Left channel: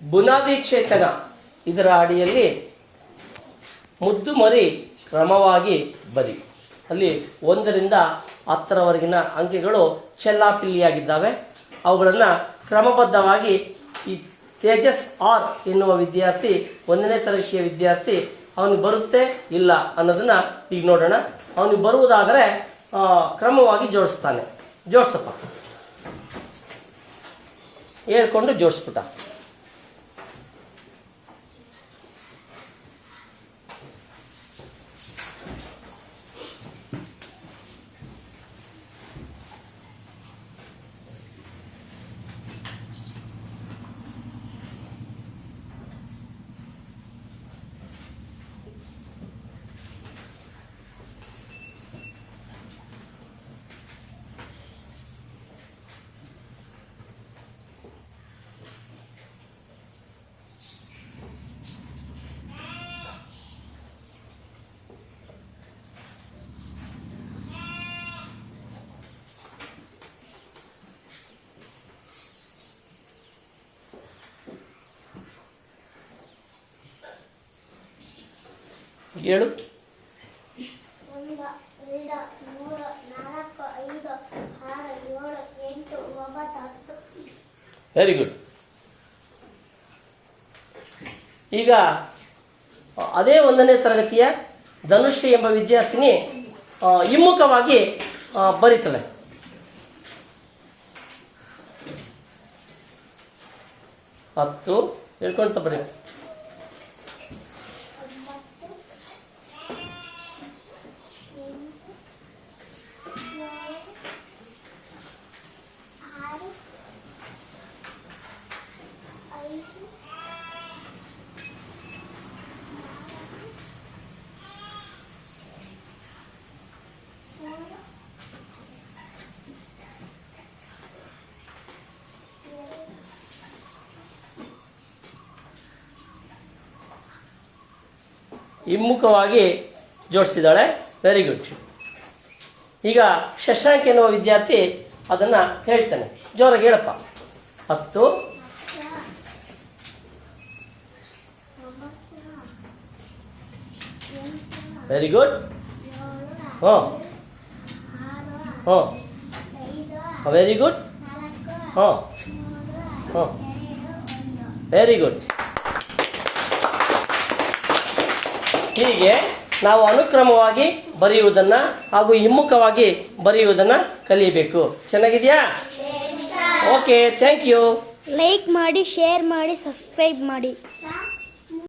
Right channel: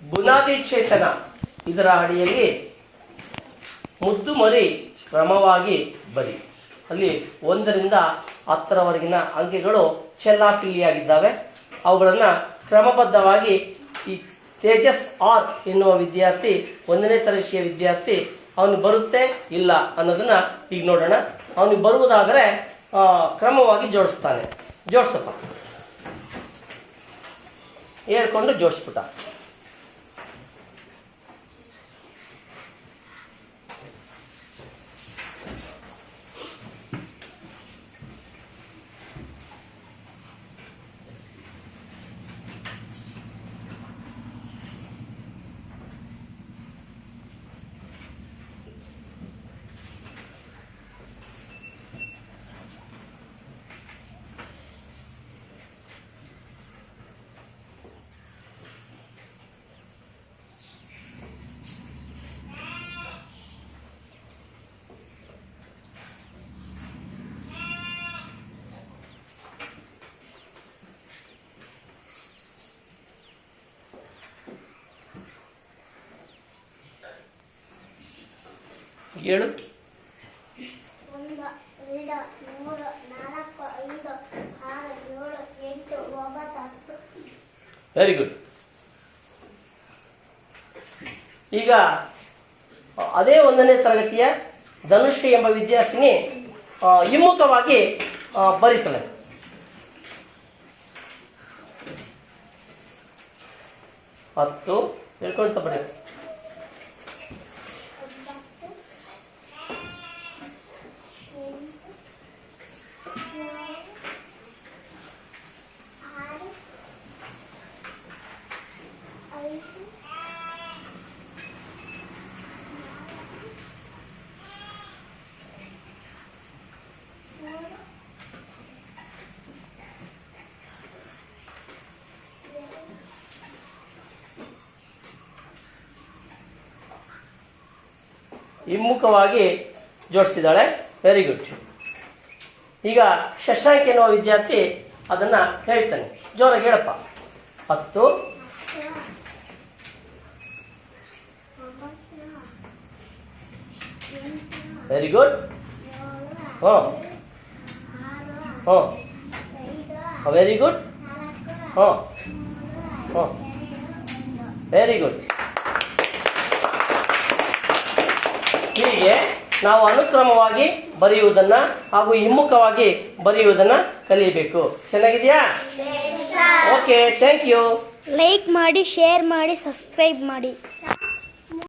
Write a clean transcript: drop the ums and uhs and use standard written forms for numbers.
ಬುನಾದಿ ಚೇತನ ಇದರ ಅಡಿಯಲ್ಲಿ ಮುದ್ದು ಮರಿ ಕ್ರಮವಾಗಿ ಬರಿ. ಅಲ್ಲಿ 1 ರಿಂದ 10ರವರೆಗಿನ ಅಂಕೆಗಳು ಚೆಲ್ಲಾಪಿಲ್ಲಿಯಾಗಿದ್ದಾವೆ. ಅವುಗಳನ್ನು ಕ್ರಮಬದ್ಧವಾಗಿ ಈ ತೇಜಸ್ ಆರ್ ಎನ್ನುವ ವಿದ್ಯಾರ್ಥಿ 1ನೇ ತರಗತಿಯ ವಿದ್ಯಾರ್ಥಿ ಅವನು ಬರುತ್ತೆ ಇಲ್ಲ ಅನ್ನೋದನ್ನ ಈಗ ನೋಡೋಣ. ಅವನಿಗೆ ಬರುವುದಾದರೆ ಕ್ರಮವಾಗಿ ಜೋಡಿಸ್ತಾನೆ. ಜೋಡಿಸಪ್ಪ, ಹೇಳ್ಕೊಂಡು ಜೋಡಿಸ್ಬಿಟ್ಟ. ಹೇಳು. 1 2 3 4 5 6 7 8 9 10. Very good. ಈಗ ಅದೇ 1ನೇ ತರಗತಿಯ ಧನುಶ್ರೀ ಎಂಬ ವಿದ್ಯಾರ್ಥಿನಿ ಹಿಮ್ಮುಖವಾಗಿ ಬರೀತಾಳೆ. ಹತ್ತು ಹೇಳ್ಕೊಂತ ಬರೀ. ಹಿಮ್ಮುಖವಾಗಿ ಜೋಡಿಸಿದ್ದಾಳೆ. Very good. ಈಗ ಶಶಾಂಕ್ ಎನ್ನುವ ವಿದ್ಯಾರ್ಥಿ ಅದನ್ನ ಹೇಳ್ತಾನೆ. ಜೋರಾಗಿ ಹೇಳಪ್ಪ. 10 very good. Very good. Very good. ಹೀಗೆ ನಾವು ಅನುಕ್ರಮವಾಗಿ ಬರೆಯುವುದನ್ನ ಹಾಗೂ ಹಿಮ್ಮುಖವಾಗಿ ಬರೆಯುವುದನ್ನ ಕಲಿಯಬೇಕು. ಚೆನ್ನಾಗಿದೆಯಾ? Okay, thank you. ಲೈಕ್ ಮಾಡಿ, ಶೇರ್ ಮಾಡಿ, ಸಬ್ಸ್ಕ್ರೈಬ್ ಮಾಡಿ.